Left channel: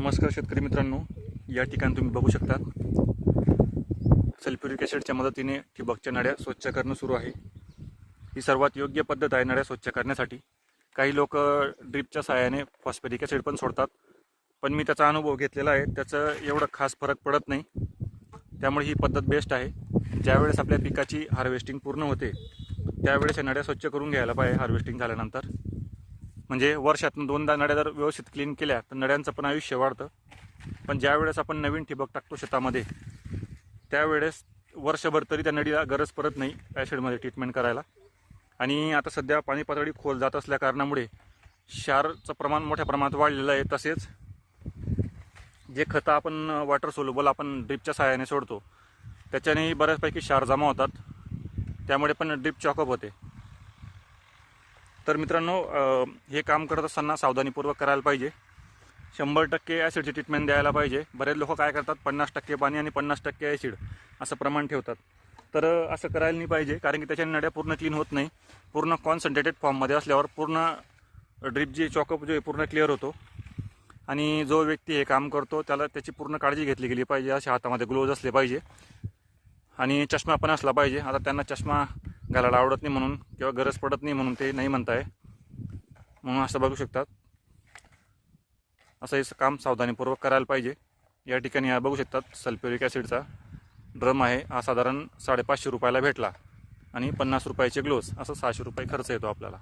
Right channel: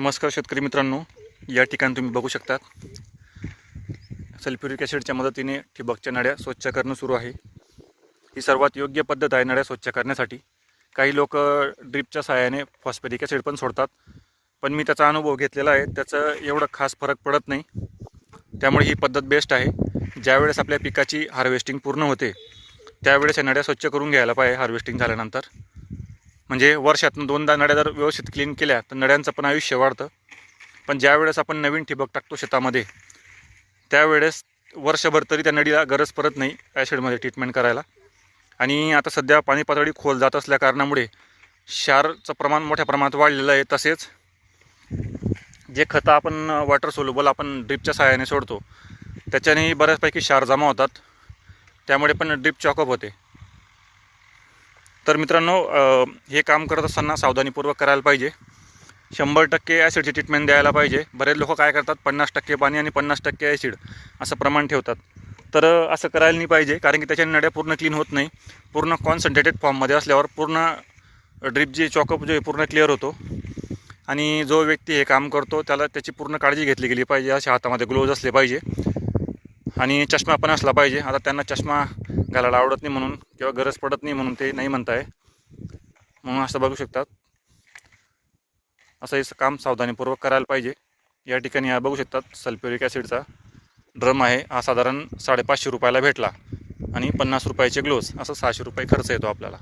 नमस्कार शेतकरी मित्रांनो, या ठिकाणी तुम्ही बघू शकता सल्फ्युरिक ॲसिडच्या मदतीने ठिबकच्या नळ्या स्वच्छ करणं सुरू आहे। ही सर्वात योग्य पद्धत आहे नळ्या स्वच्छ करण्यासाठी। काही लोक ड्रिपच्या सहाय्याने फॉस्फरिक ॲसिड पण सोडतात, पण मी त्याचा अनुभव घेतलेला आहे, त्याचं एवढं खास फरक पडत नाही। त्यामुळे ही पद्धत बेस्ट आहे। ज्यावेळेस आपल्या पिकाची हार्वेस्टिंग पूर्ण होते त्यावेळेस या नळ्या स्वच्छ करून घ्यायला पाहिजे हार्वेस्टिंग झाल्यानंतर। म्हणजे वर्षातून 2दा नळ्या जर व्यवस्थित क्लीन केल्या तर नळ्यांचं पण आयुष्य वाढतं। पण ज्यावेळेस आपण नवीन ठिबक टाकतो शेतामध्ये त्यावेळेस वर्षभर तरी त्या नळीला गरज पडत नाही ॲसिडमध्ये ट्रीटमेंट करायला। आणि आता सध्या पाणी पातळी खोल जात असल्या कारणामुळे क्षारचं प्रमाण मोठ्या प्रमाणात वाढलेलं आहे। तसेच जे खतं आपण वॉटर सोल्युबल आपण ड्रिपच्या सहाय्याने सोडतो त्याच्यानेही बऱ्याचपैकी क्षार जमा होतात, त्यामुळे पण ड्रिप चॉकअप होते। तर मित्रांनो, हे काम करत असताना सावधानीपूर्वक करायला पाहिजे। 100% ॲसिडची ट्रीटमेंट द्यायला पाहिजे। बरेच लोक काय करतात 50% पाणी आणि 50% ॲसिड असं प्रमाण ठेवतात, तर असं करायला नाही पाहिजे, कारण की त्याच्याने नळ्या पूर्ण क्लीन होत नाही। पूर्ण कॉन्सन्ट्रेटेड फॉर्ममध्ये असल्यावर पूर्ण ड्रिप जी चॉकअप जो पूर्ण क्लिअर होतो। आणि जो व्यक्ती हे काम करतो त्याला त्याची पूर्ण काळजी घेतली गेली पाहिजे। अशा हातामध्ये ग्लोव्ज असले पाहिजे आणि चष्मा पण असला पाहिजे। आता त्यांना चष्मा घालायला आवडत नाही म्हणून किंवा गरज पडत नाही म्हणून ते नाही म्हणताय, म्हणून असं बघू शकतात। असं हे काम सावधानीपूर्वक करायला पाहिजे। या ठिकाणी बघू शकतात सल्फ्युरिक ॲसिडचा ड्रम आहे। हा साधारण 550 रुपयाला भेटला आणि 50 रुपयाचे ग्लोव्ज, असं 600 रुपये खर्च येतो आपल्याला।